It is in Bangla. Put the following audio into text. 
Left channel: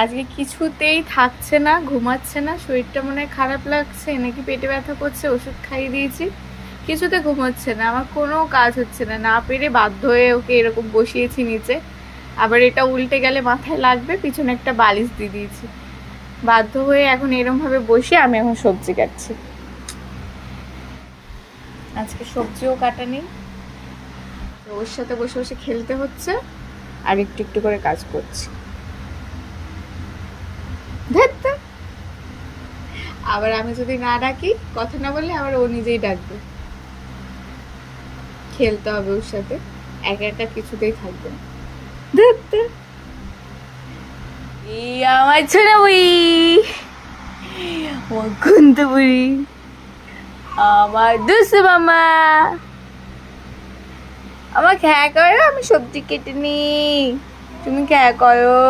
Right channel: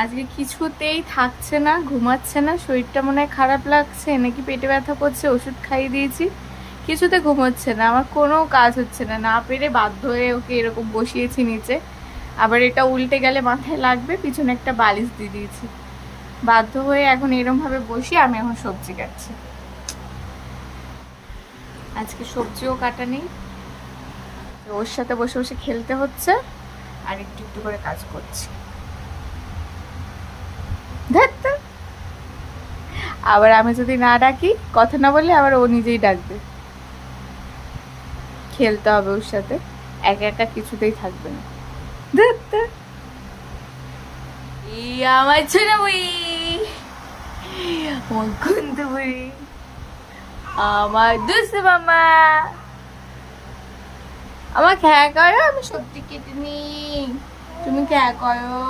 আজকে কিছুতেই থাকছে না, ঘুমাচ্ছে না, শরীরটা মনে হয় খারাপ লাগছে নাকি পেটে ব্যথা করছে, ওষুধ খাইয়ে দিয়েছি, কিছুতে ঘুমোচ্ছে না। আমার কোনো কাজ হচ্ছে না, না পেরে বাধ্য হয়ে ওকে এরকম বসিয়েছি নিচে। আবার এটা উল্টে গেলে মাথায় লাগবে, পিছনে একটা বালিশ দিয়ে দিয়েছি। বাধ্য হয়ে এখন এরম ভাবে বসে আমি এখন সবজি কাটছি। আজকে সবজিও কাটা নেই, ওর সাথে বসে বসে খেলতে হচ্ছে আর একটু একটু করে কাজ করছি। আবার আমি যদি না ডাকি, কথা না বললে আবার ও নিজেই ডাকবে। খেলতে হবে ওর সাথে, একা একা কিছুতেই থাকবে না। আমার ছোট বুড়ি, আমার কুন্তু বুড়ি, আমার দুসু মামা, আমার খেয়া করো, আমি সবজি কেটে নি, তুমি খেয়া করো।